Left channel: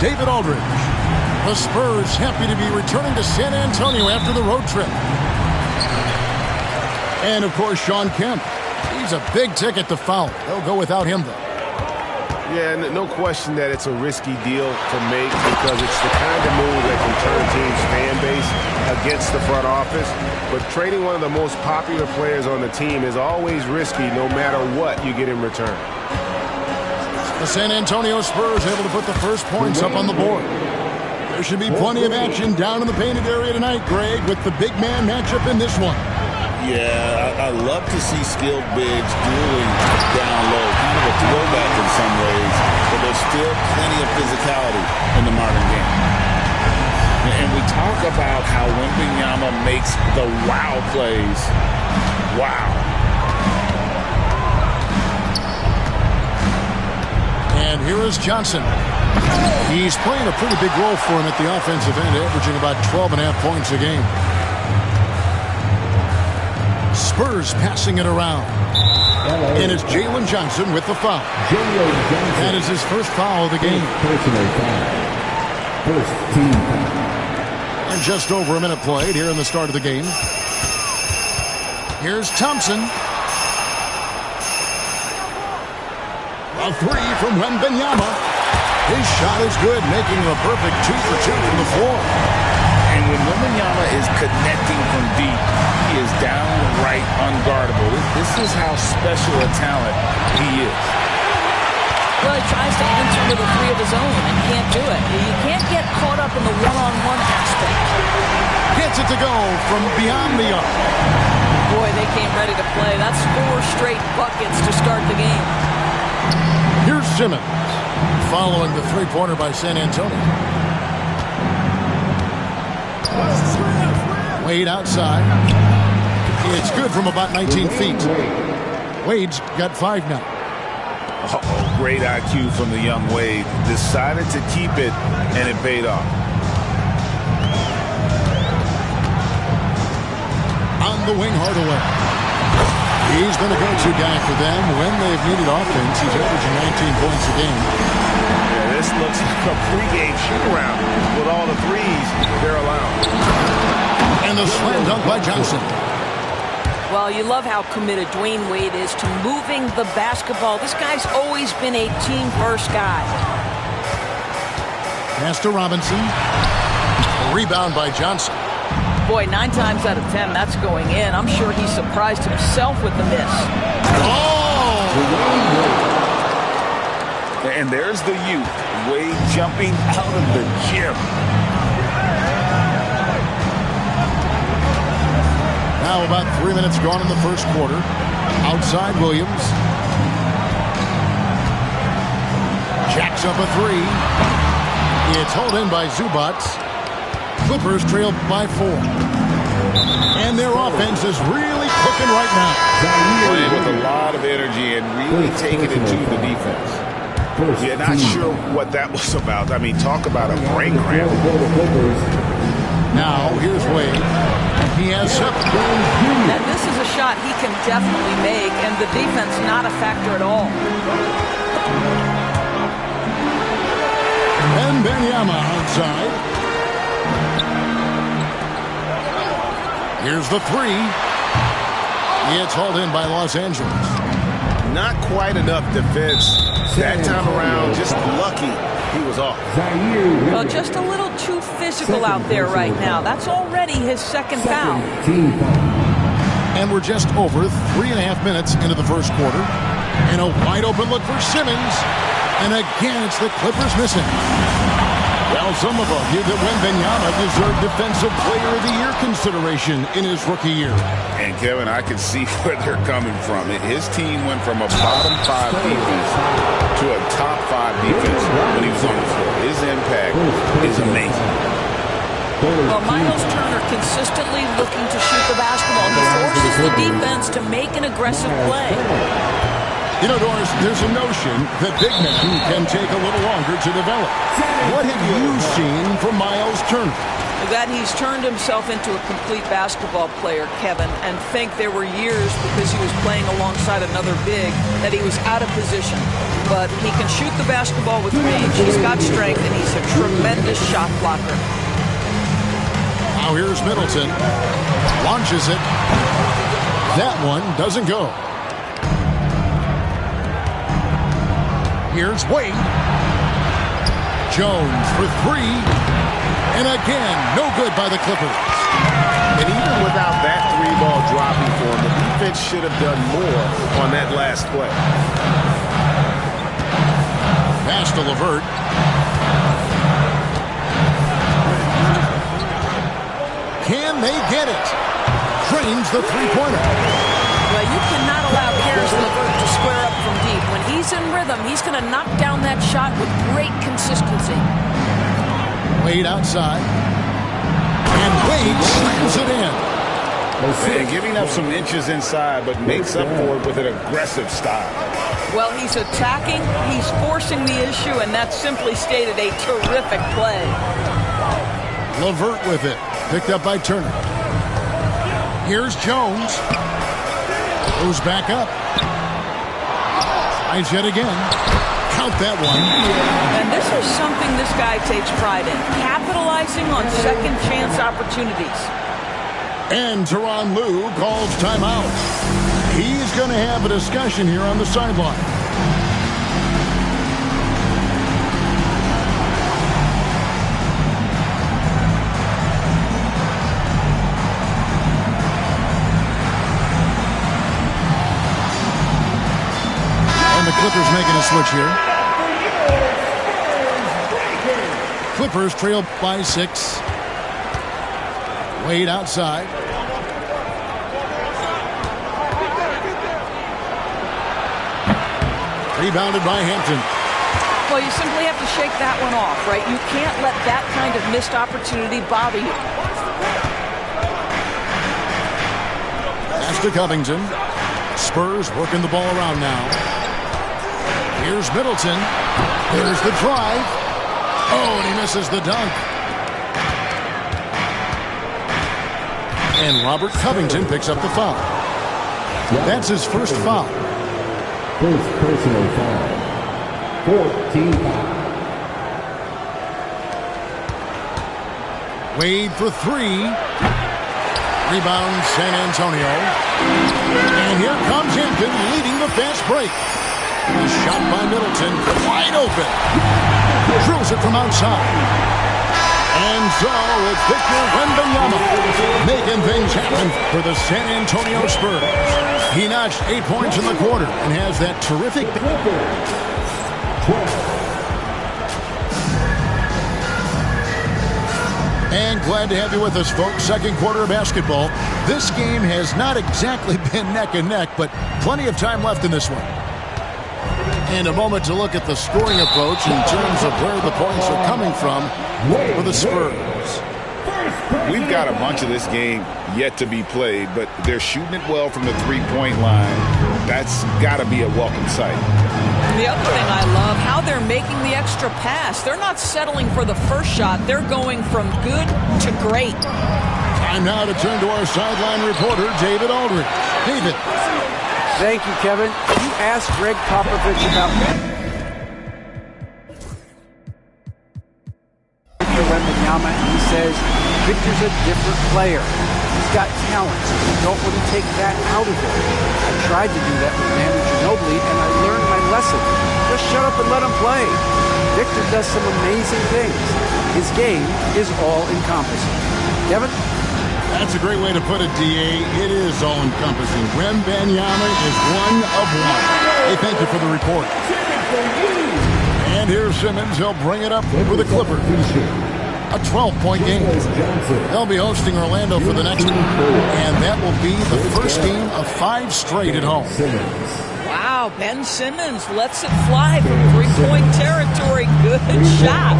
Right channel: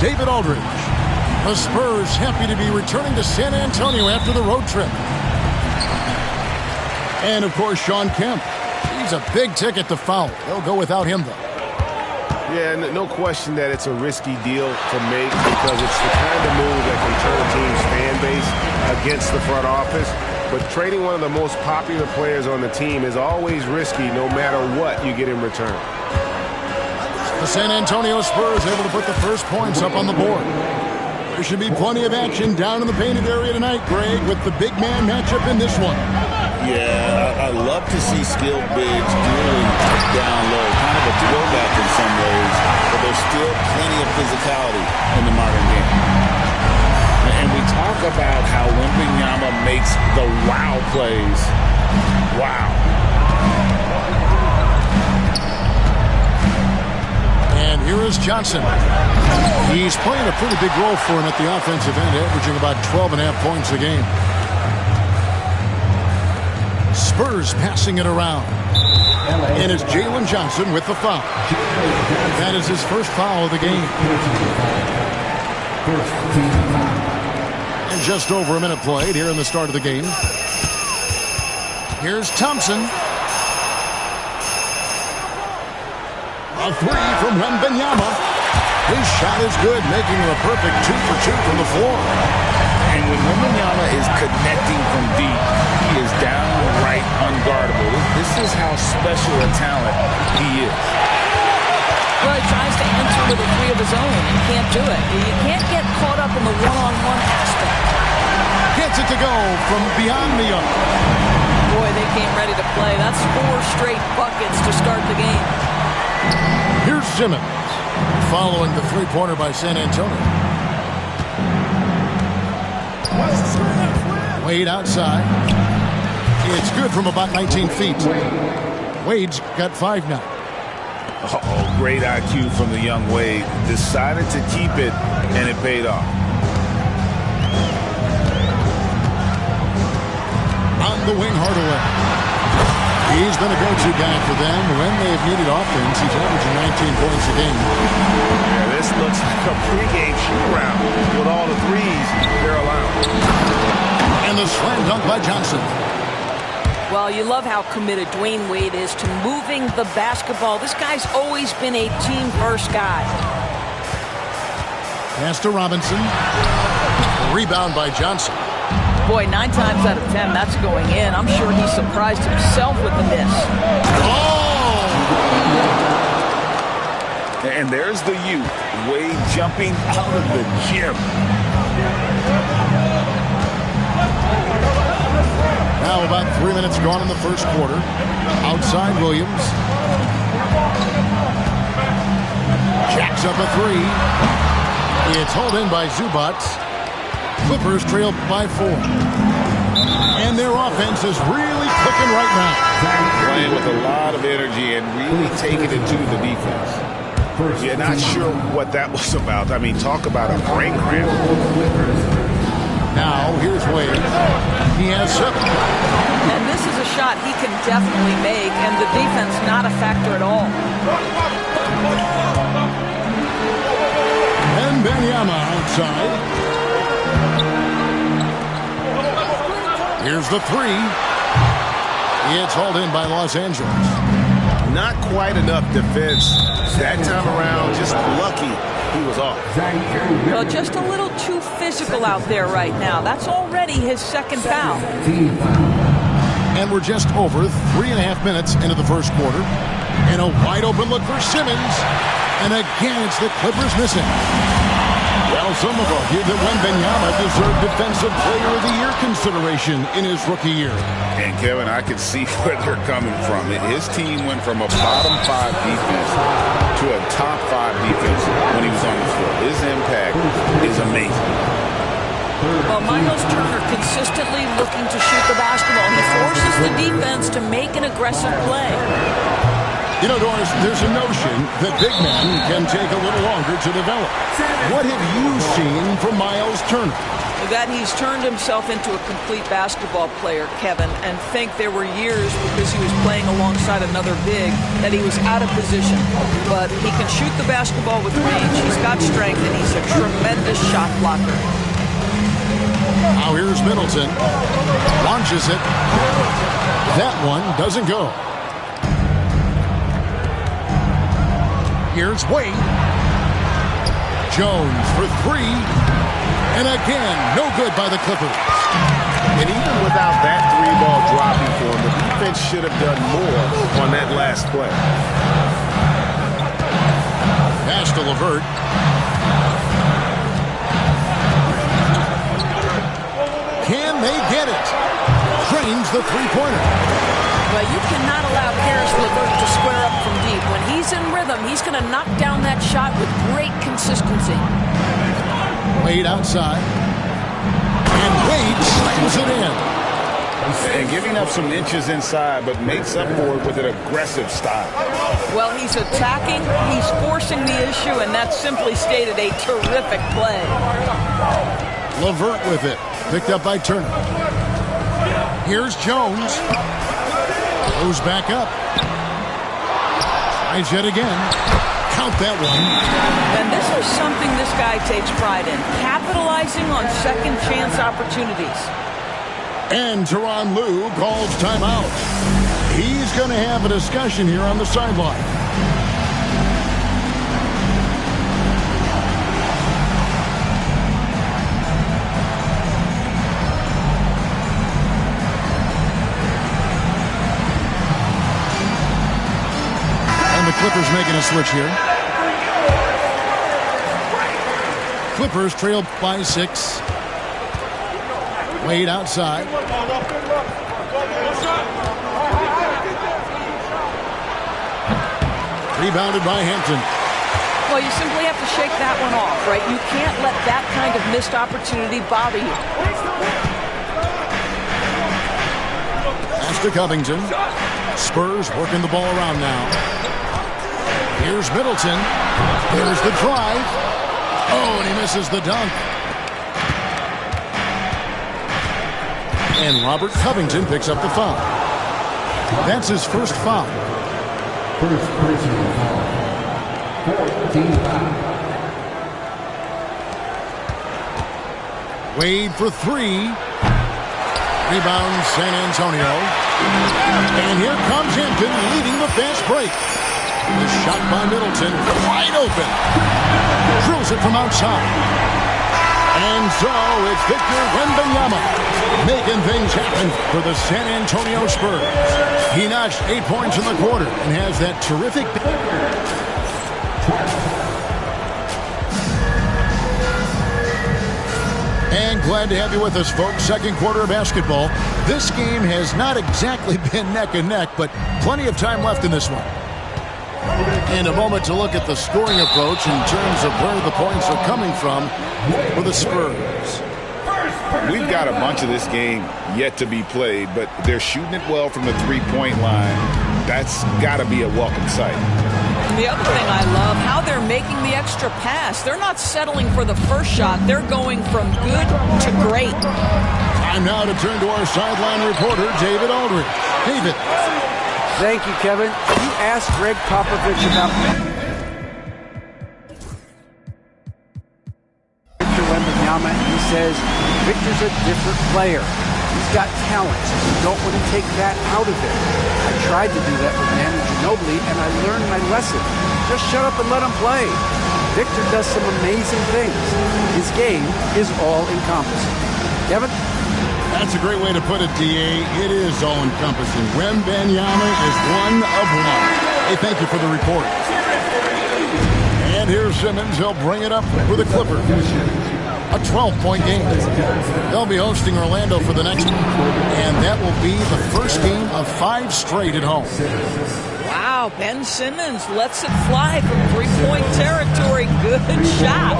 David Aldridge. The Spurs happy to be returning to San Antonio after the road trip. And, of course, Shawn Kemp. He's a big ticket to foul. They'll go without him, though. Yeah, no question that it's a risky deal to make because it's the kind of move that can turn a team's fan base against the front office. But trading one of the most popular players on the team is always risky no matter what you get in return. The San Antonio Spurs able to put the first points up on the board. There should be plenty of action down in the painted area tonight, Greg, with the big man matchup in this one. Yeah, I love to see skilled bigs dueling down low. Kind of a throwback in some ways, but there's still plenty of physicality in the modern game. And we talk about how Wembanyama makes the wow plays. Wow. And here is Johnson. He's playing a pretty big role for him at the offensive end, averaging about 12.5 points a game. Spurs passing it around. And it's Jalen Johnson with the foul. That is his first foul of the game. First team foul. And just over a minute played here in the start of the game. Here's Thompson. A three from Wembanyama. His shot is good, making him a perfect 2 for 2 from the floor. And when Wembanyama is connecting from deep, he is downright unguardable. This is how special a talent he is. Well, he tries to enter with a three of his own and can't do it. You can't get caught up in the one-on-one aspect. Gets it to go from beyond the arc. Boy, they came ready to play. That's 4 straight buckets to start the game. Here's Simmons, following the three-pointer by San Antonio. Wade outside. It's good from about 19 feet. Wade's got 5 now. Uh-oh, great IQ from the young Wade. Decided to keep it, and it paid off. On the wing, Hardaway. He's been a go-to guy for them when they've needed offense. He's averaging 19 points a game. Yeah, this looks like a pregame shoot-around with all the threes they're allowing. And the slam dunk by Johnson. Well, you love how committed Dwayne Wade is to moving the basketball. This guy's always been a team-first guy. Pass to Robinson. A rebound by Johnson. Boy, 9 times out of 10, that's going in. I'm sure he surprised himself with the miss. Oh! And there's the youth. Wade jumping out of the gym. Now about 3 minutes gone in the first quarter. Outside Williams. Jacks up a 3. It's hauled in by Zubac. Clippers trail by 4. And their offense is really cooking right now. Playing with a lot of energy and really taking it to the defense. Yeah, not sure what that was about. I mean, talk about a brain cramp. Now, here's Wade. He has 7. And this is a shot he can definitely make, and the defense not a factor at all. And Wembanyama outside. Here's the 3. It's hauled in by Los Angeles. Not quite enough defense that time around. Just lucky he was off. Well, just a little too physical out there right now. That's already his second foul. And we're just over 3.5 minutes into the first quarter. And a wide open look for Simmons. And again, it's the Clippers missing. Well, some have argued that Wembanyama deserved Defensive Player of the Year consideration in his rookie year. And, Kevin, I can see where they're coming from. His team went from a bottom 5 defense to a top 5 defense when he was on the floor. His impact is amazing. Well, Miles Turner consistently looking to shoot the basketball. He forces the defense to make an aggressive play. You know, Doris, there's a notion that big men can take a little longer to develop. What have you seen from Miles Turner? That he's turned himself into a complete basketball player, Kevin, and think there were years because he was playing alongside another big that he was out of position. But he can shoot the basketball with range. He's got strength, and he's a tremendous shot blocker. Now here's Middleton. Launches it. That one doesn't go. Here's Wade. Jones for three. And again, no good by the Clippers. And even without that three ball dropping for him, the defense should have done more on that last play. Pass to LeVert. Can they get it? Drains the three-pointer. Well, you cannot allow Karis LeVert to square up from deep. When he's in rhythm, he's going to knock down that shot with great consistency. Wade outside. And Wade slams it in. And giving up some inches inside, but makes up for it with an aggressive style. Well, he's attacking, he's forcing the issue, and that's simply stated a terrific play. LeVert with it. Picked up by Turner. Here's Jones. Goes back up. Tries yet again. Count that one. And this is something this guy takes pride in, capitalizing on second chance opportunities. And Tyronn Lue calls timeout. He's going to have a discussion here on the sideline. And the Clippers making a switch here. Clippers trail by 6. Wade outside. Rebounded by Hampton. Well, you simply have to shake that one off, right? You can't let that kind of missed opportunity bother you. Pass to Covington. Spurs working the ball around now. Here's Middleton. Here's the drive. Oh, and he misses the dunk. And Robert Covington picks up the foul. That's his first foul. First personal foul. 14 foul. Wade for 3. Rebound San Antonio. And here comes Hampton leading the fast break. The shot by Middleton, wide open. Drills it from outside. And so it's Victor Wembanyama making things happen for the San Antonio Spurs. He notched 8 points in the quarter and has that terrific... And glad to have you with us, folks. Second quarter of basketball. This game has not exactly been neck and neck, but plenty of time left in this one. And a moment to look at the scoring approach in terms of where the points are coming from for the Spurs. We've got a bunch of this game yet to be played, but they're shooting it well from the three-point line. That's got to be a welcome sight. The other thing I love, how they're making the extra pass. They're not settling for the first shot. They're going from good to great. Time now to turn to our sideline reporter, David Aldridge. David. Thank you, Kevin. You asked Greg Popovich about Victor Wembanyama, and he says Victor's a different player. He's got talent, so you don't want to take that out of him. I tried to do that with Manu Ginobili, and I learned my lesson. Just shut up and let him play. Victor does some amazing things. His game is all-encompassing. Kevin? That's a great way to put it, D.A. It is all-encompassing. Wembanyama is one of one. Hey, thank you for the report. And here's Simmons. He'll bring it up for the Clippers. A 12-point game. They'll be hosting Orlando for the next one, and that will be the first game of 5 straight at home. Wow, Ben Simmons lets it fly from three-point territory. Good shot.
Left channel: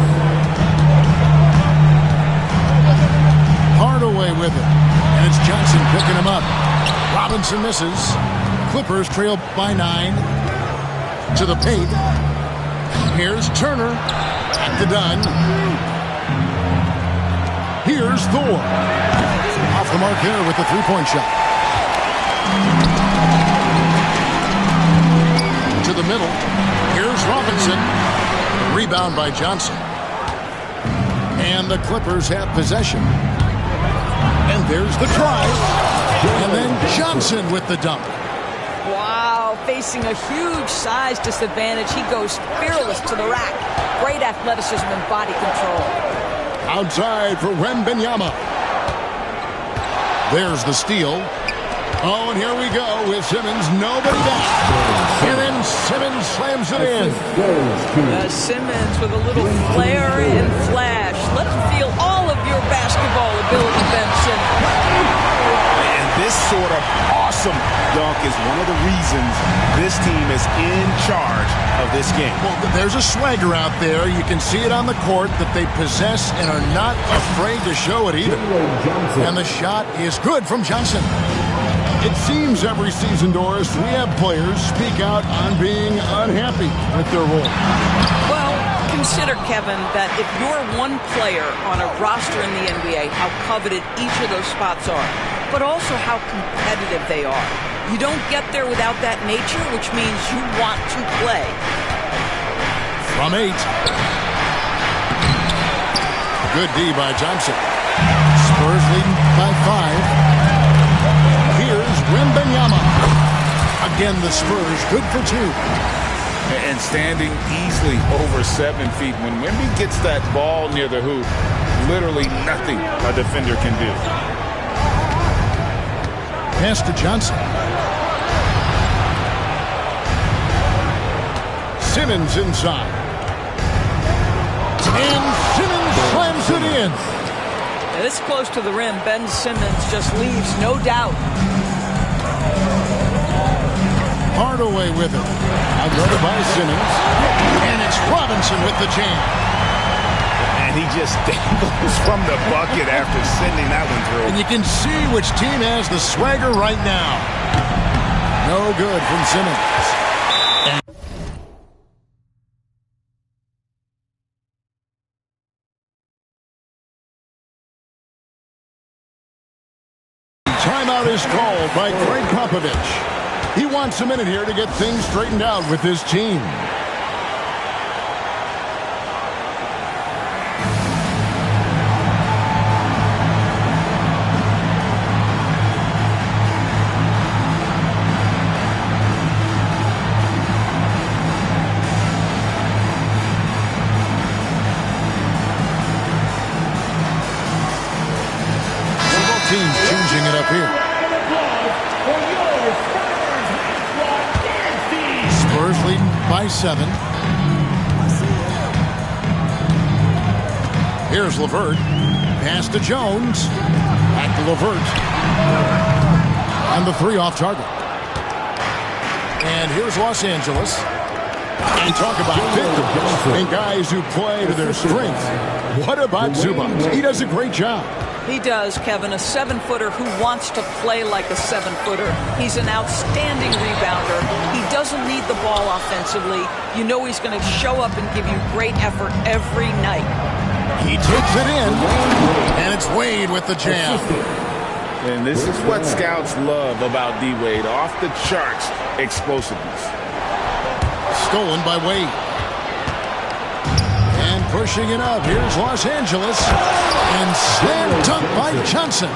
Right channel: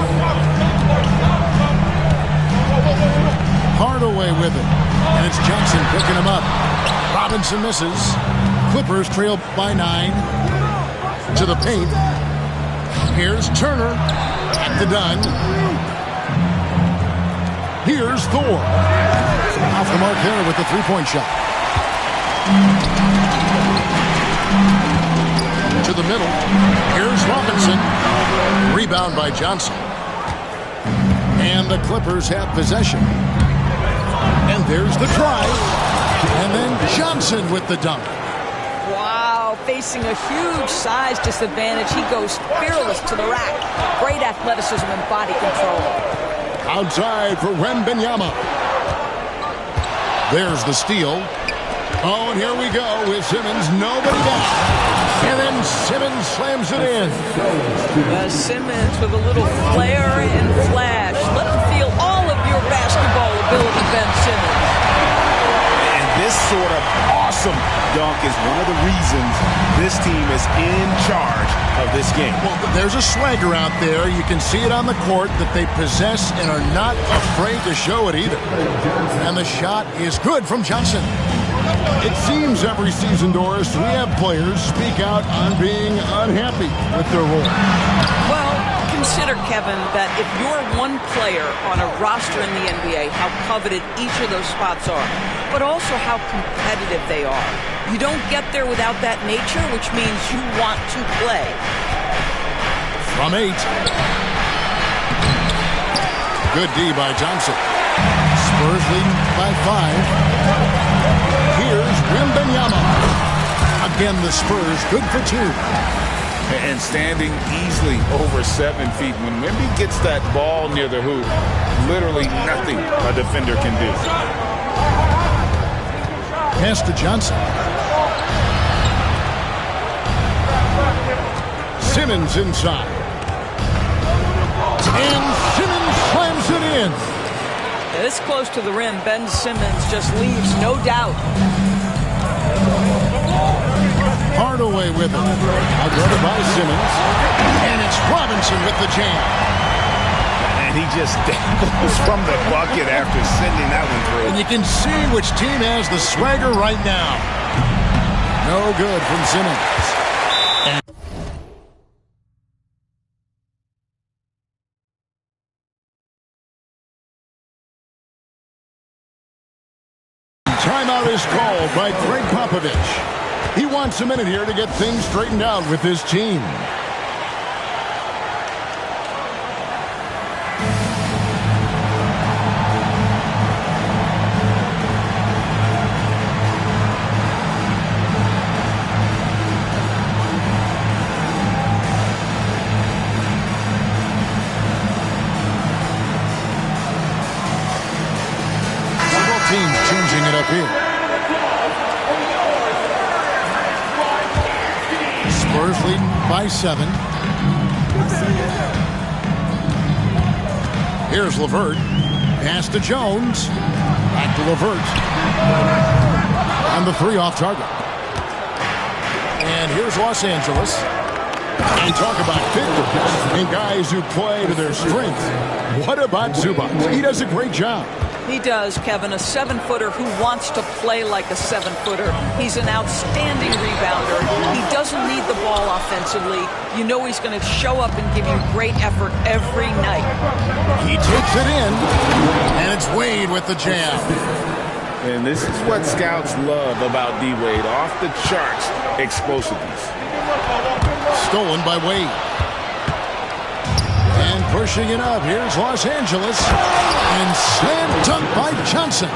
Hardaway with it, and it's Johnson picking him up. Robinson misses. Clippers trail by 9 to the paint. Here's Turner. Back to Dunn. Here's Thor. Off the mark there with the three-point shot. To the middle. Here's Robinson. Rebound by Johnson. And the Clippers have possession. And there's the drive. And then Johnson with the dunk. Wow, facing a huge size disadvantage, he goes fearless to the rack. Great athleticism and body control. Outside for Wembanyama. There's the steal. Oh, and here we go with Simmons. Nobody back. And then Simmons slams it in. Simmons with a little flair and flash. Let him feel all of your basketball ability, Ben Simmons. And this sort of awesome dunk is one of the reasons this team is in charge of this game. Well, there's a swagger out there. You can see it on the court that they possess and are not afraid to show it either. And the shot is good from Johnson. It seems every season, Doris, we have players speak out on being unhappy with their role. Well, consider, Kevin, that if you're one player on a roster in the NBA, how coveted each of those spots are, but also how competitive they are. You don't get there without that nature, which means you want to play. From 8. Good D by Johnson. Spurs leading by 5. Here's Wembanyama. Again, the Spurs good for 2. And standing easily over 7 feet. When Wemby gets that ball near the hoop, literally nothing a defender can do. Pass to Johnson. Simmons inside. And Simmons slams it in. This close to the rim, Ben Simmons just leaves, no doubt. Hardaway with it. Outguarded by Simmons. And it's Robinson with the jam. And he just dangles from the bucket after sending that one through. And you can see which team has the swagger right now. No good from Simmons. And timeout is called by Greg Popovich. He wants a minute here to get things straightened out with his team. Both teams changing it up here. Spurs leading by 7. Here's LeVert. Pass to Jones. Back to LeVert. And the 3 off target. And here's Los Angeles. And talk about victims and guys who play to their strength. What about Zubac? He does a great job. He does, Kevin, a 7-footer who wants to play like a 7-footer. He's an outstanding rebounder. He doesn't need the ball offensively. You know he's going to show up and give you great effort every night. He takes it in, and it's Wade with the jam. And this is what scouts love about D-Wade. Off the charts explosiveness. Stolen by Wade. And pushing it up. Here's Los Angeles. And slam dunk by Johnson.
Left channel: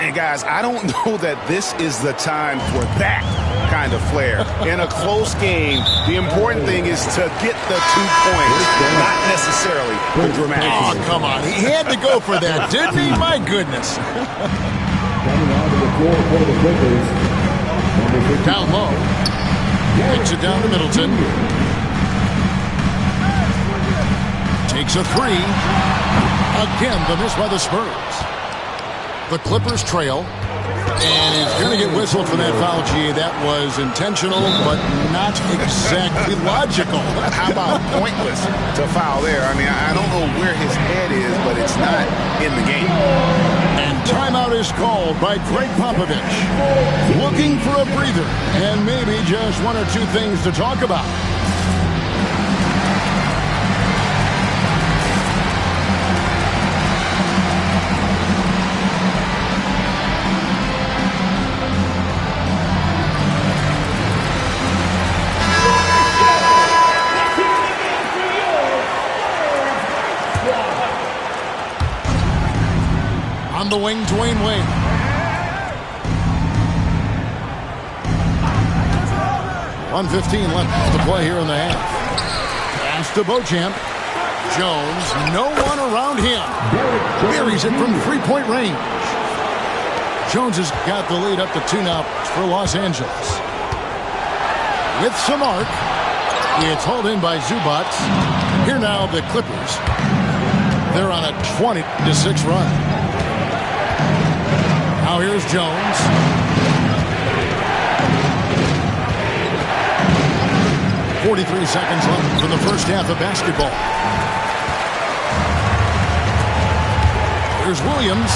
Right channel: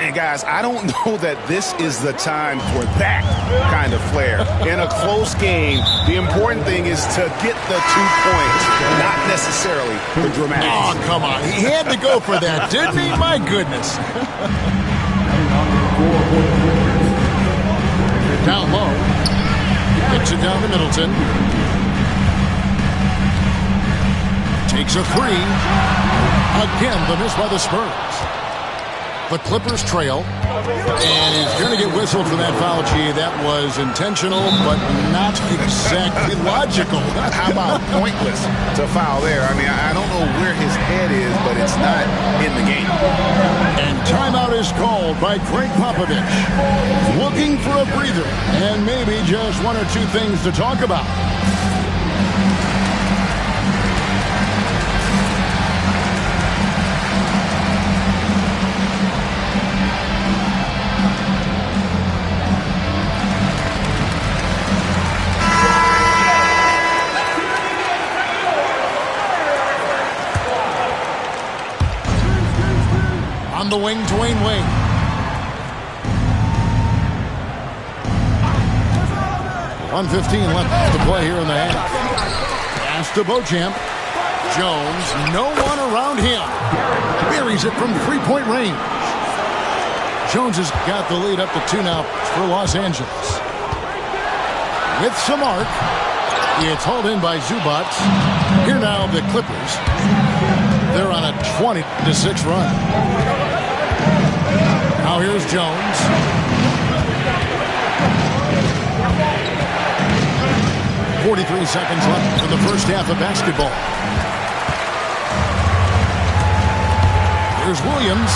And guys, I don't know that this is the time for that kind of flair. In a close game, the important thing is to get the 2 points, not necessarily the dramatic. Oh, come on. He had to go for that, didn't he? My goodness. Down low. Kicks it down to Middleton. Takes a 3. Again, the miss by the Spurs. The Clippers trail. And he's going to get whistled for that foul, G. That was intentional, but not exactly logical. How about pointless to foul there? I mean, I don't know where his head is, but it's not in the game. And timeout is called by Greg Popovich. Looking for a breather and maybe just 1 or 2 things to talk about. On the wing, Dwayne Wade. .115 left to play here in the half. Pass to Beauchamp. Jones, no one around him. Buries it from three-point range. Jones has got the lead up to 2 now for Los Angeles. With some arc, it's hauled in by Zubac. Here now the Clippers. They're on a 20-6 run. Now here's Jones. .43 seconds left from the first half of basketball. Here's Williams.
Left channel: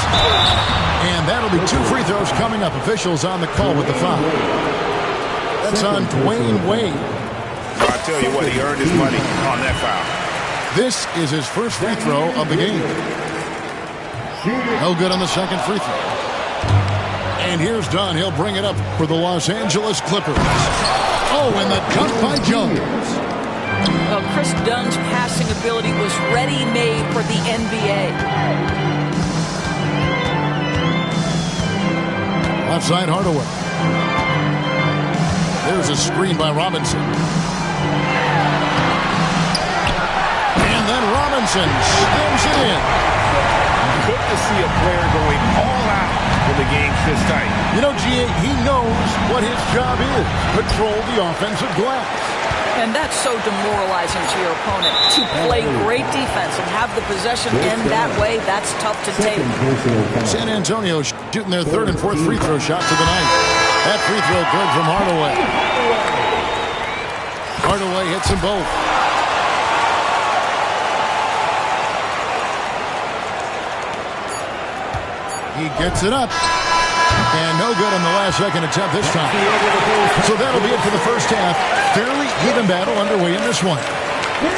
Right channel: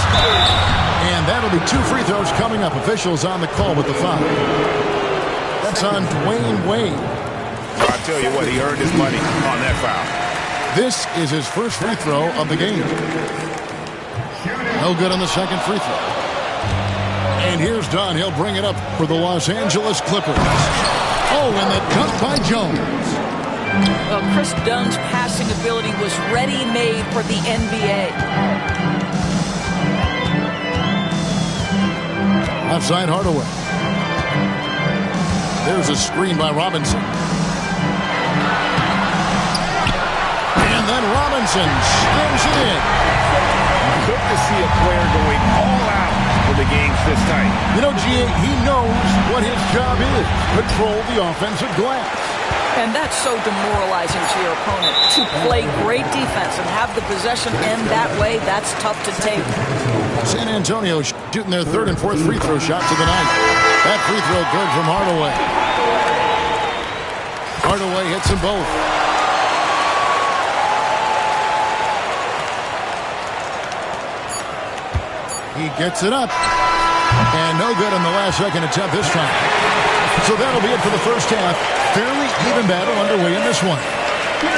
And that'll be 2 free throws coming up. Officials on the call with the foul. That's on Dwayne Wade. Well, I tell you what, he earned his money on that foul. This is his first free throw of the game. No good on the second free throw. And here's Dunn. He'll bring it up for the Los Angeles Clippers. Oh, and the dunk by Jones. Well, Chris Dunn's passing ability was ready-made for the NBA. Left side, Hardaway. There's a screen by Robinson. And then Robinson slams it in. Good to see a player going all out when the game's this tight. You know, GA, he knows what his job is. Control the offensive glass. And that's so demoralizing to your opponent. To play great defense and have the possession end that way, that's tough to take. San Antonio shooting their third and fourth free throw shots of the night. That free throw good from Hardaway. Hardaway hits them both. He gets it up. And no good on the last second attempt this time. So that'll be it for the first half. Fairly even battle underway in this one.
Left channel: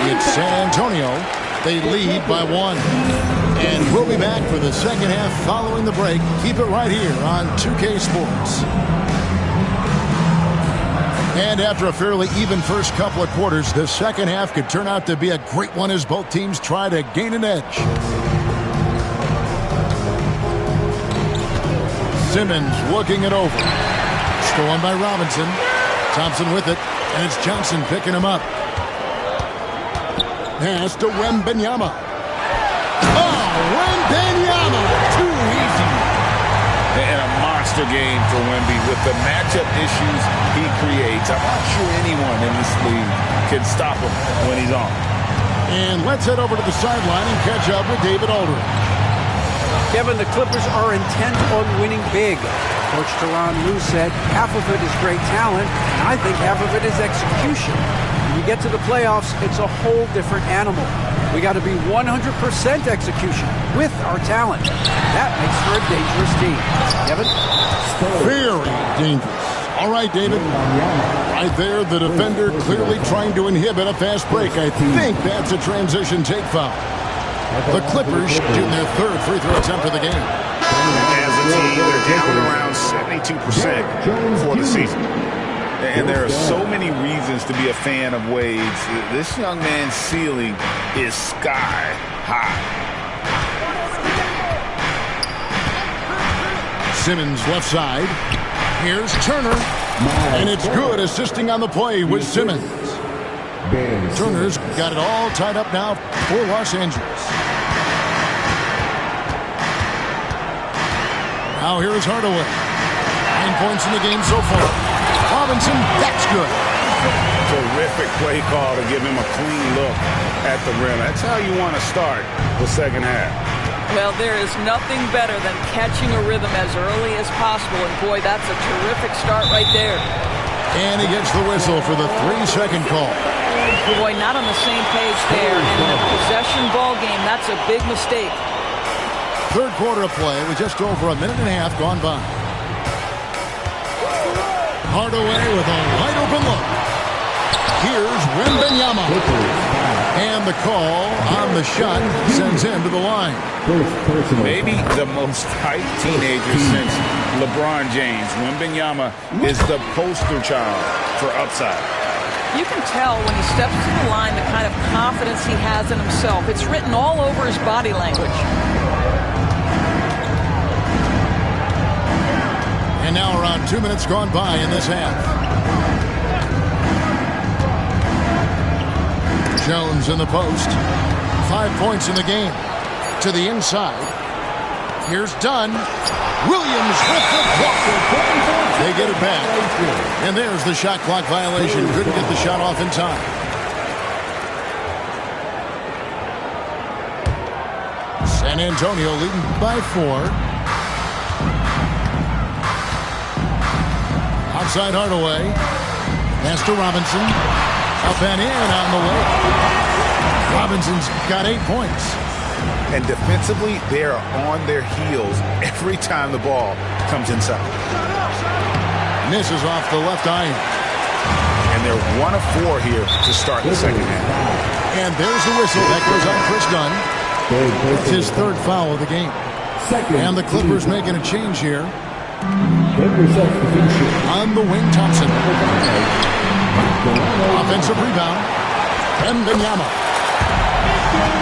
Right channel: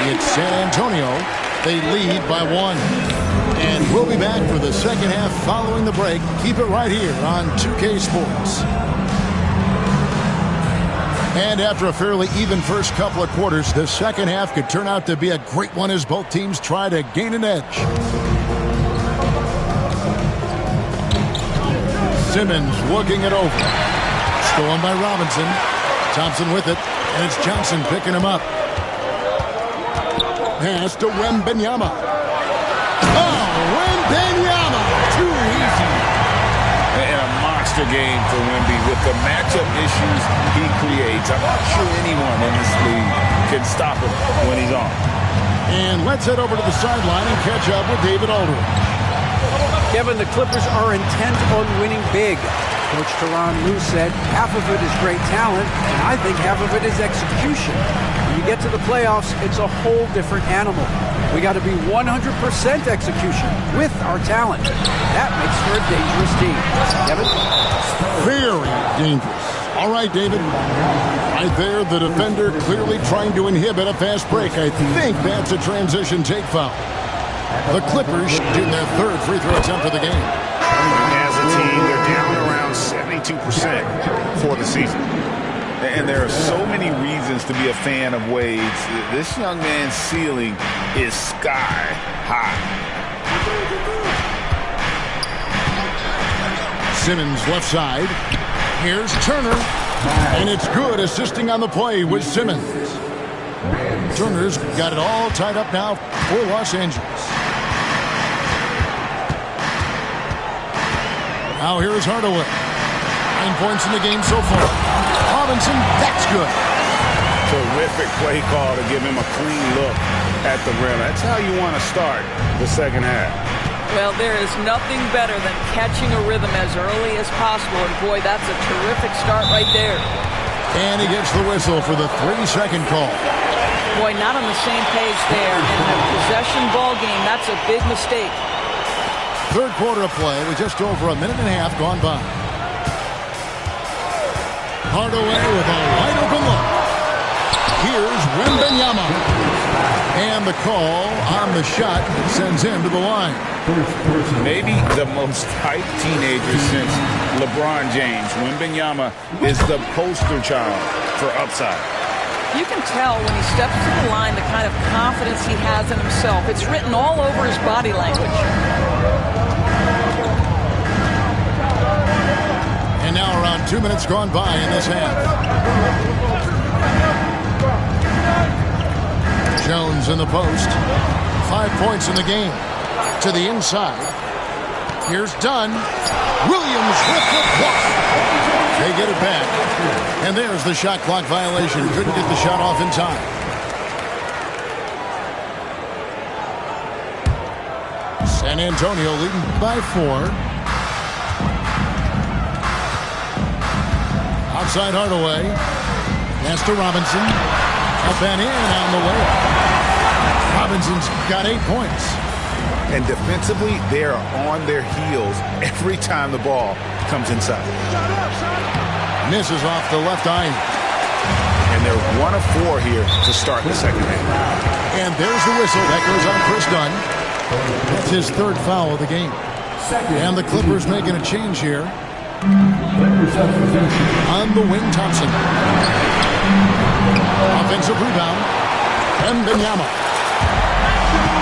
It's San Antonio. They lead by 1. And we'll be back for the second half following the break. Keep it right here on 2K Sports. And after a fairly even first couple of quarters, the second half could turn out to be a great one as both teams try to gain an edge. Simmons looking it over. Stolen by Robinson. Thompson with it. And it's Johnson picking him up. Pass to Wembanyama. Oh, Wembanyama! Too easy. And a monster game for Wemby with the matchup issues he creates. I'm not sure anyone in this league can stop him when he's on. And let's head over to the sideline and catch up with David Aldridge. Kevin, the Clippers are intent on winning big. Coach Tyronn Lue said half of it is great talent, and I think half of it is execution. When you get to the playoffs, it's a whole different animal. We got to be 100% execution with our talent. That makes for a dangerous team. Kevin? Very dangerous. All right, David. Right there, the defender clearly trying to inhibit a fast break. I think that's a transition take foul. The Clippers shooting their third free throw attempt of the game. As a team, they're down around 72% for the season. And there are so many reasons to be a fan of Wade's. This young man's ceiling is sky high. Simmons left side. Here's Turner. And it's good, assisting on the play with Simmons. Turner's got it all tied up now for Los Angeles. Now here's Hardaway. 9 points in the game so far. Robinson, that's good. Terrific play call to give him a clean look at the rim. That's how you want to start the second half. Well, there is nothing better than catching a rhythm as early as possible. And, boy, that's a terrific start right there. And he gets the whistle for the 3-second call. Boy, not on the same page there. And in a possession ball game, that's a big mistake. Third quarter of play with just over a minute and a half gone by. Hardaway with a wide open look. Here's Wembanyama. And the call on the shot sends him to the line. Maybe the most hyped teenager since LeBron James. Wembanyama is the poster child for upside. You can tell when he steps to the line the kind of confidence he has in himself. It's written all over his body language. And now around 2 minutes gone by in this half. Jones in the post. 5 points in the game. To the inside. Here's Dunn. Williams with the block. They get it back. And there's the shot clock violation. Couldn't get the shot off in time. San Antonio leading by 4. Outside Hardaway. Pass to Robinson. Up and in on the way. Robinson's got 8 points. And defensively, they are on their heels every time the ball comes inside. Misses off the left iron. And they're 1 of 4 here to start the second half. And there's the whistle. That goes on Chris Dunn. That's his 3rd foul of the game. And the Clippers making a change here. On the wing, Thompson. Offensive rebound. Wembanyama.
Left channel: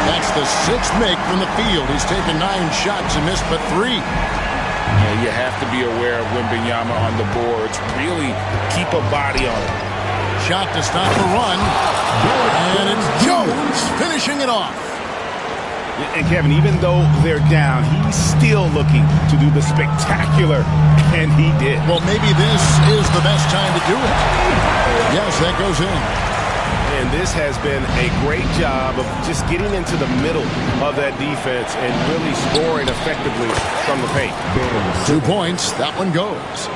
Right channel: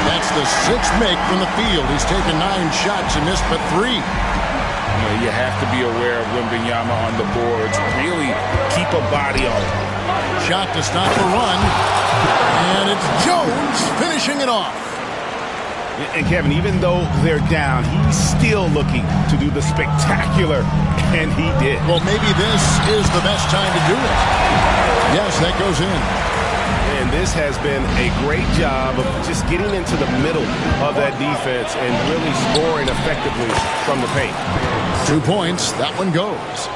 That's the 6th make from the field. He's taken 9 shots and missed but 3. Yeah, you have to be aware of Wembanyama on the boards. Really keep a body on it. Shot to stop the run. And it's Jones finishing it off. And Kevin, even though they're down, he's still looking to do the spectacular, and he did. Well, maybe this is the best time to do it. Yes, that goes in. And this has been a great job of just getting into the middle of that defense and really scoring effectively from the paint. 2 points. That one goes.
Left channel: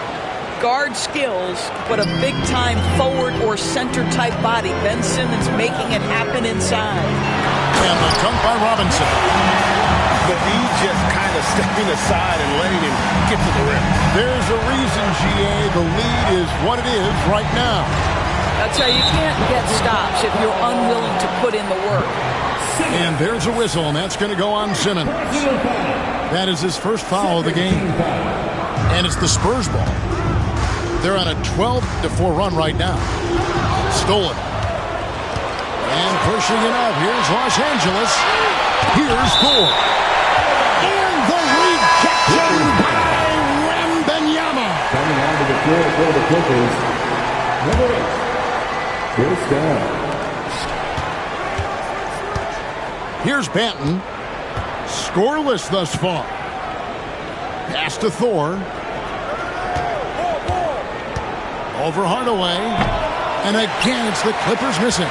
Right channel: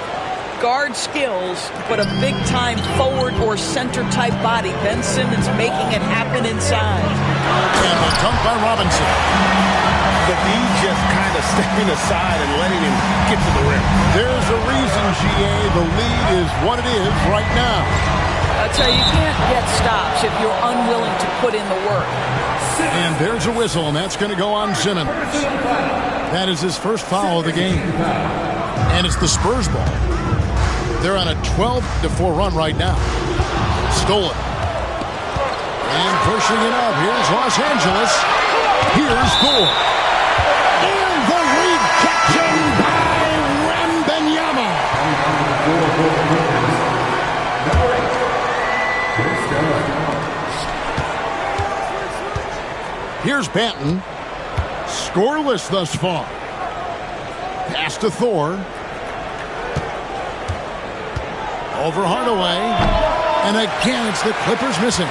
Guard skills, but a big-time forward or center-type body. Ben Simmons making it happen inside. And the dunk by Robinson. The D just kind of stepping aside and letting him get to the rim. There's a reason, GA, the lead is what it is right now. That's how you can't get stops if you're unwilling to put in the work. And there's a whistle, and that's going to go on Simmons. That is his 1st foul of the game. And it's the Spurs ball. They're on a 12-4 run right now. Stolen. And pushing it up. Here's Los Angeles. Here's Thor. And the rejection by Wembanyama. Coming onto the floor for the Clippers, number 8. Here's Dunn. Here's Banton. Scoreless thus far. Pass to Thor. Over Hardaway. And again, it's the Clippers missing.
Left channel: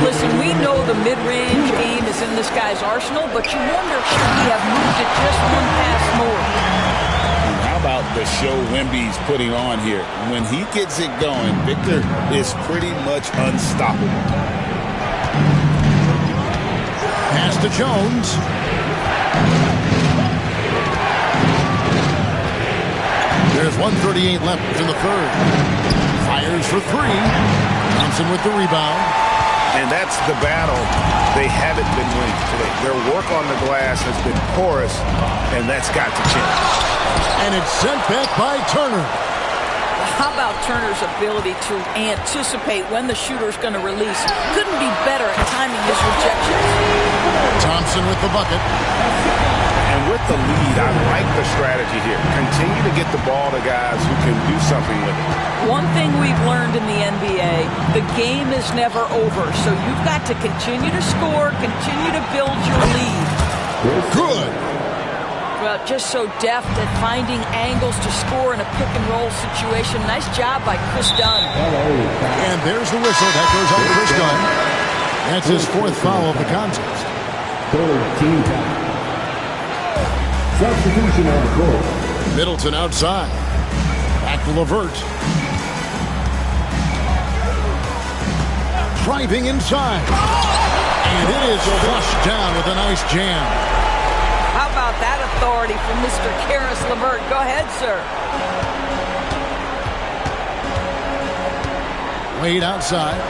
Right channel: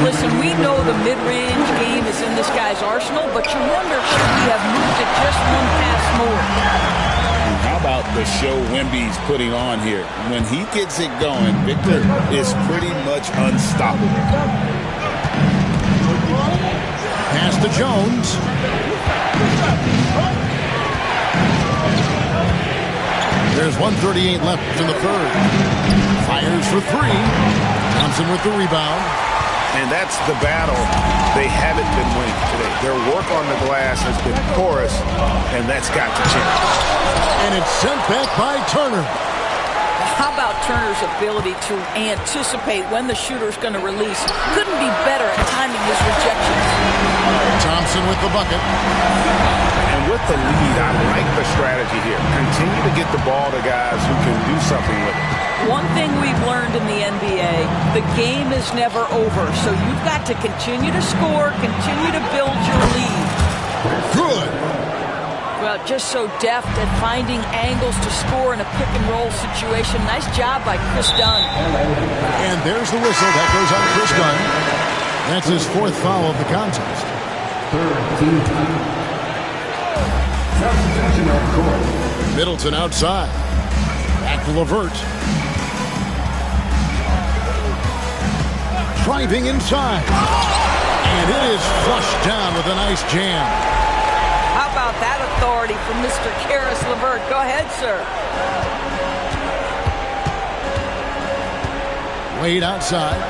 Listen, we know the mid-range game is in this guy's arsenal, but you wonder should he have moved it just 1 pass more. And how about the show Wemby's putting on here? When he gets it going, Victor is pretty much unstoppable. Pass to Jones. There's 1:38 left in the 3rd. Fires for 3. Thompson with the rebound. And that's the battle they haven't been winning today. Their work on the glass has been porous, and that's got to change. And it's sent back by Turner. How about Turner's ability to anticipate when the shooter's going to release? Couldn't be better at timing his rejections. Thompson with the bucket. And with the lead, I like the strategy here. Continue to get the ball to guys who can do something with it. One thing we've learned in the NBA, the game is never over. So you've got to continue to score, continue to build your lead. Good. Well, just so deft at finding angles to score in a pick-and-roll situation. Nice job by Chris Dunn. And there's the whistle. That goes on Chris Dunn. That's his 4th foul of the contest. 3rd team. Substitution on court. Middleton outside. Back to LeVert. Driving inside. And it is flushed down with a nice jam. How about that authority from Mr. Karis LeVert? Go ahead, sir. Wade outside.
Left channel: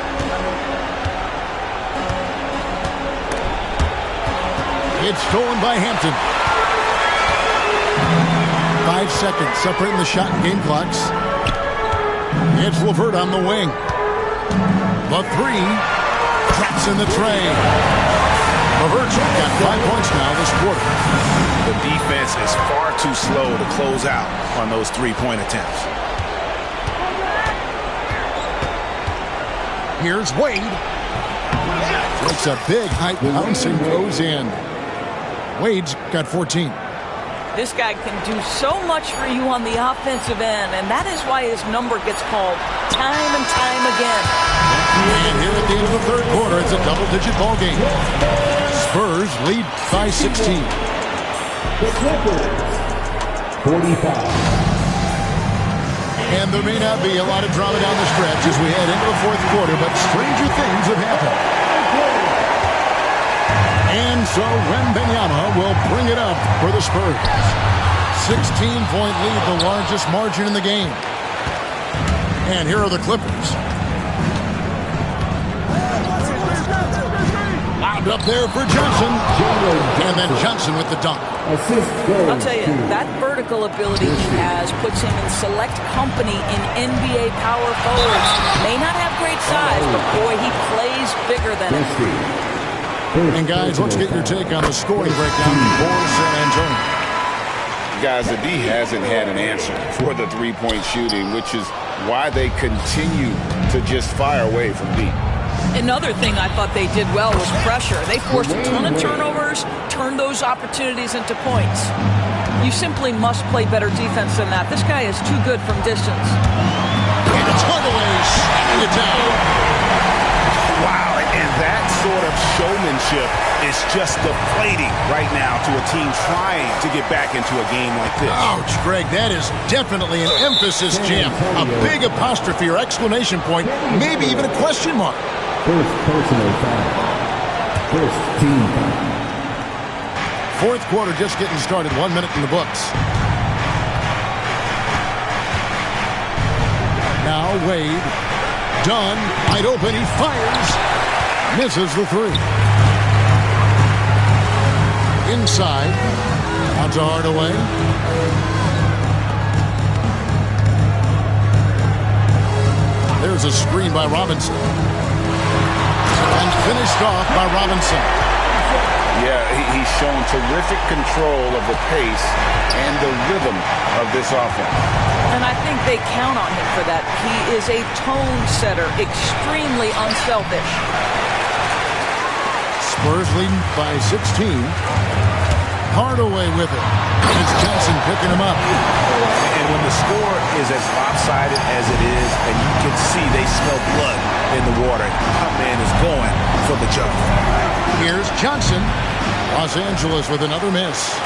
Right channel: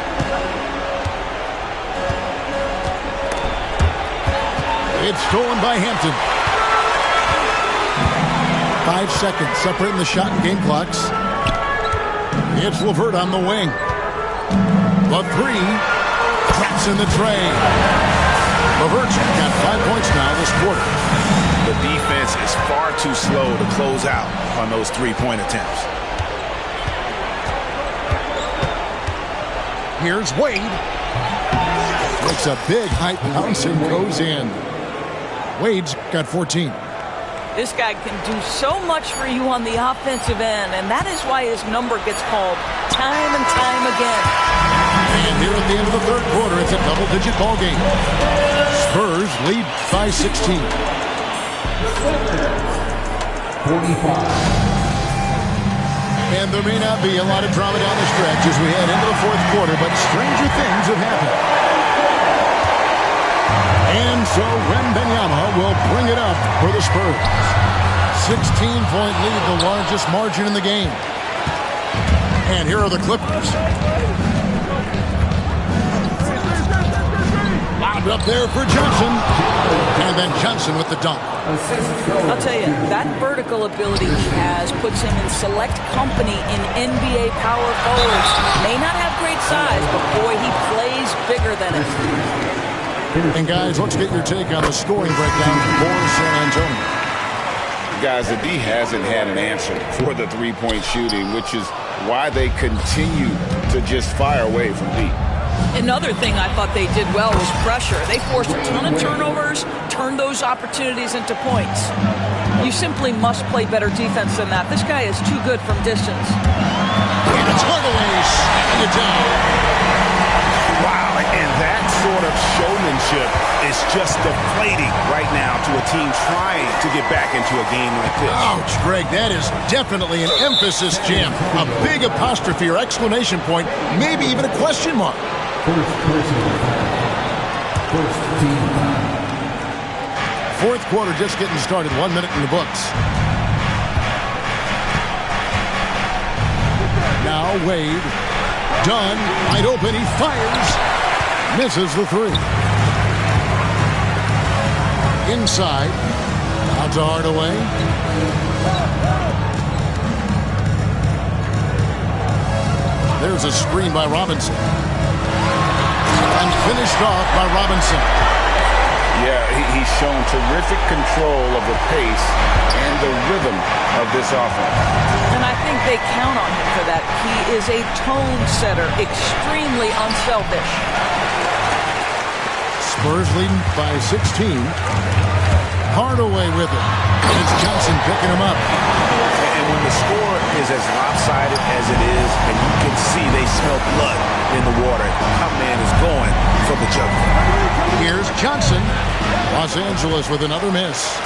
It's stolen by Hampton. 5 seconds separating the shot and game clocks. It's LeVert on the wing. The 3 traps in the tray. LeVert's got 5 points now this quarter. The defense is far too slow to close out on those three-point attempts. Here's Wade. Makes a big high bounce and goes in. Wade's got 14. This guy can do so much for you on the offensive end, and that is why his number gets called time and time again. And here at the end of the third quarter, it's a double-digit ball game. Spurs lead by 16. The Clippers, 45. And there may not be a lot of drama down the stretch as we head into the fourth quarter, but stranger things have happened. And so Wembanyama will bring it up for the Spurs. 16-point lead, the largest margin in the game. And here are the Clippers. Lobbed up there for Johnson. And then Johnson with the dunk. I'll tell you, that vertical ability he has puts him in select company in NBA power forwards. May not have great size, but boy, he plays bigger than it. And guys, let's get your take on the scoring breakdown for San Antonio. Guys, the D hasn't had an answer for the three-point shooting, which is why they continue to just fire away from deep. Another thing I thought they did well was pressure. They forced a ton of turnovers, turned those opportunities into points. You simply must play better defense than that. This guy is too good from distance. And it's Hardaway slamming it down. Wow, and that sort of showmanship is just deflating right now to a team trying to get back into a game like this. Ouch, Greg, that is definitely an emphasis jam. A big apostrophe or exclamation point, maybe even a question mark. First personal foul. First team foul. Fourth quarter just getting started. 1 minute in the books. Now Wade. Dunn, wide open, he fires. Misses the three. Inside. Out to Hardaway. There's a screen by Robinson. And finished off by Robinson. Yeah, he's shown terrific control of the pace and the rhythm of this offense. And I think they count on him for that. He is a tone setter, extremely unselfish. Spurs leading by 16. Hardaway with it. It's Johnson picking him up. And when the score is as lopsided as it is, and you can see they smell blood in the water, my man is going for the jugular. Here's Johnson. Los Angeles with another miss.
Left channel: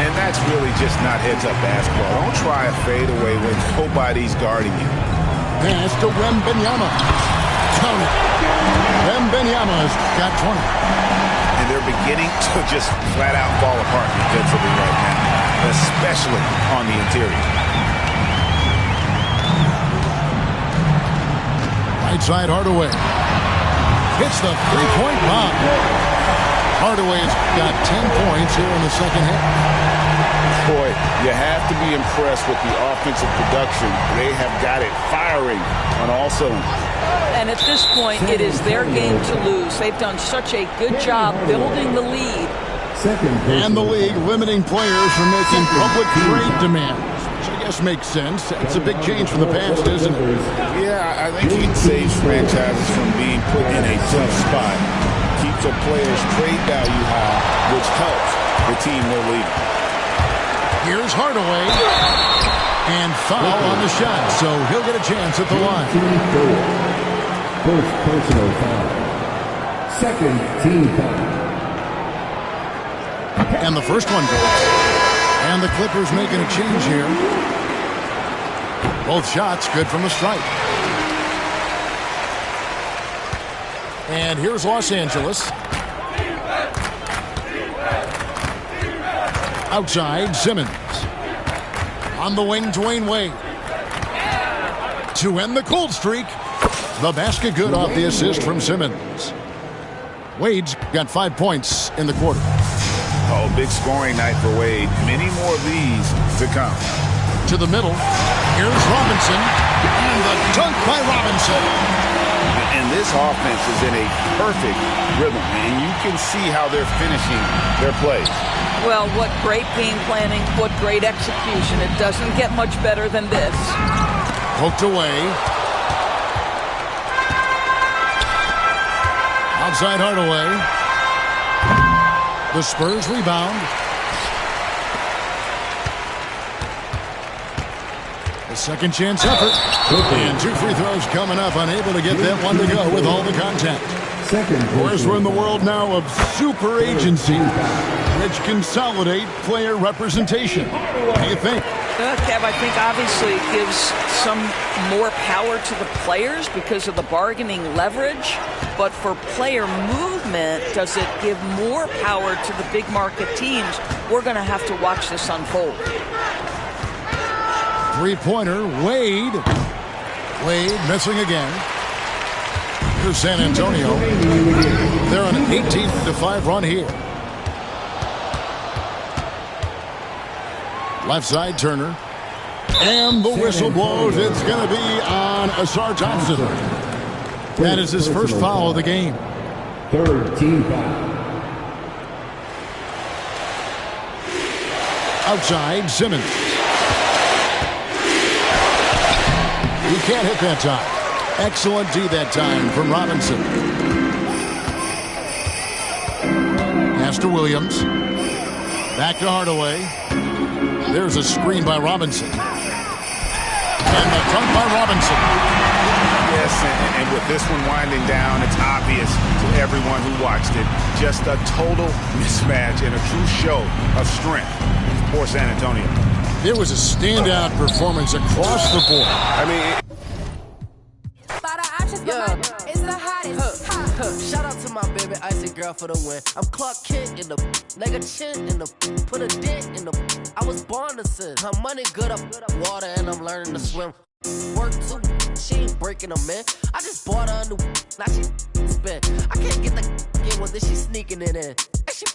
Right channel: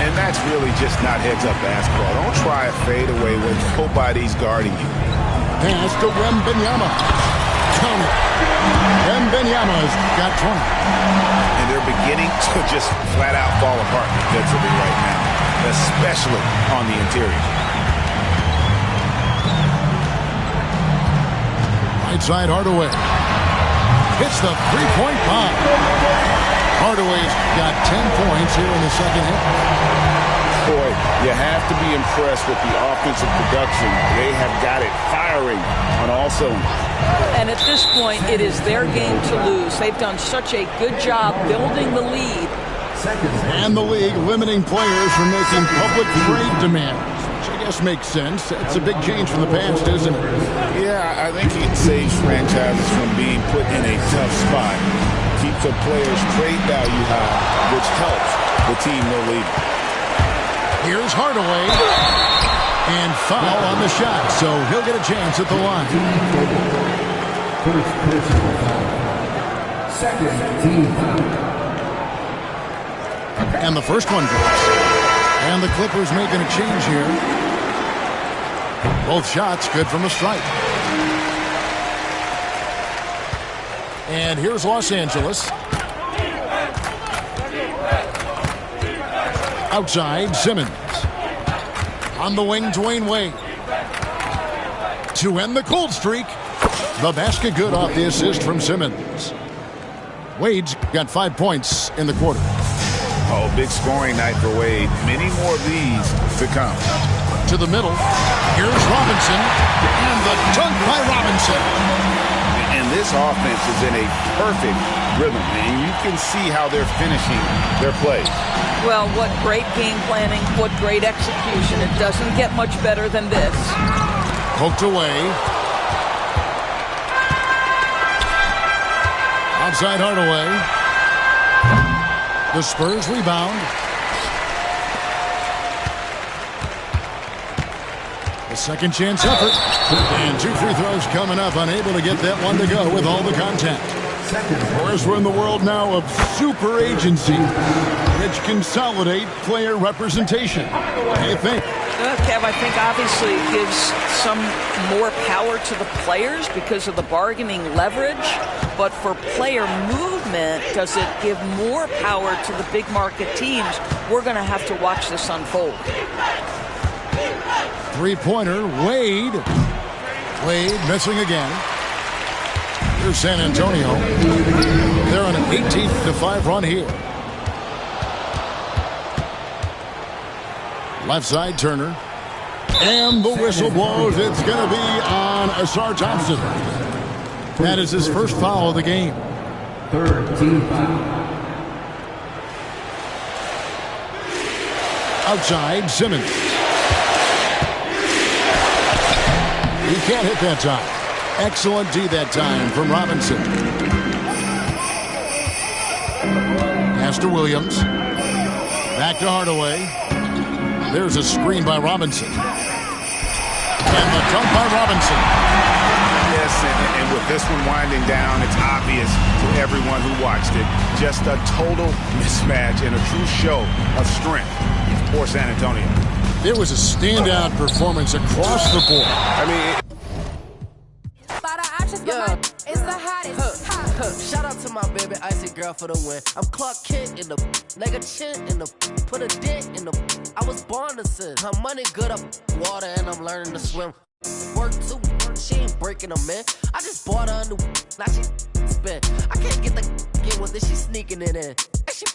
And that's really just not heads-up basketball. Don't try a fadeaway when nobody's guarding you. Pass to Wembanyama. Count it. Wembanyama's got 20. And they're beginning to just flat-out fall apart defensively right now, especially on the interior. Right side Hardaway. Hits the three-point bomb. Hardaway's got 10 points here in the second half. Boy, you have to be impressed with the offensive production. They have got it firing on all cylinders. And at this point, it is their game to lose. They've done such a good job building the lead. And the league limiting players from making public trade demands, which I guess makes sense. It's a big change from the past, isn't it? Yeah, I think it saves franchises from being put in a tough spot. Keeps a player's trade value high, which helps the team they're leading. Here's Hardaway. And foul on the shot, so he'll get a chance at the line. First personal foul. Second team foul. And the first one drops. And the Clippers making a change here. Both shots good from the stripe. And here's Los Angeles. Outside, Simmons. On the wing, Dwayne Wade. To end the cold streak. The basket good off the assist from Simmons. Wade's got 5 points in the quarter. Oh, big scoring night for Wade. Many more of these to come. To the middle. Here's Robinson. And the dunk by Robinson. And this offense is in a perfect rhythm, and you can see how they're finishing their plays. Well, what great game planning, what great execution. It doesn't get much better than this. Poked away. Outside Hardaway. The Spurs rebound. The second chance effort. And 2 free throws coming up. Unable to get that one to go with all the contact. Of course, we're in the world now of super agency, which consolidate player representation. What do you think? Kev, I think obviously it gives some more power to the players because of the bargaining leverage. But for player movement, does it give more power to the big market teams? We're going to have to watch this unfold. Three-pointer, Wade. Wade missing again. Here's San Antonio. They're on an 18-5 run here. Left side, Turner. And the whistle blows. It's going to be on Asar Thompson. That is his first foul of the game. Third team foul. Outside, Simmons. He can't hit that time. Excellent D that time from Robinson. Pass to Williams. Back to Hardaway. There's a screen by Robinson. And the dunk by Robinson. Yes, and with this one winding down, it's obvious to everyone who watched it. Just a total mismatch and a true show of strength for San Antonio. There was a standout performance across the board. I mean, yeah. It's the hottest. Shout out to my baby icy girl for the win. I'm Clark Kent in the leg a chin in the put a dent in the. I was born to sin. Her money good up water and I'm learning to swim. Work too, she ain't breaking them in. I just bought her a new, now she spin. I can't get the get with this, she sneaking it in. And she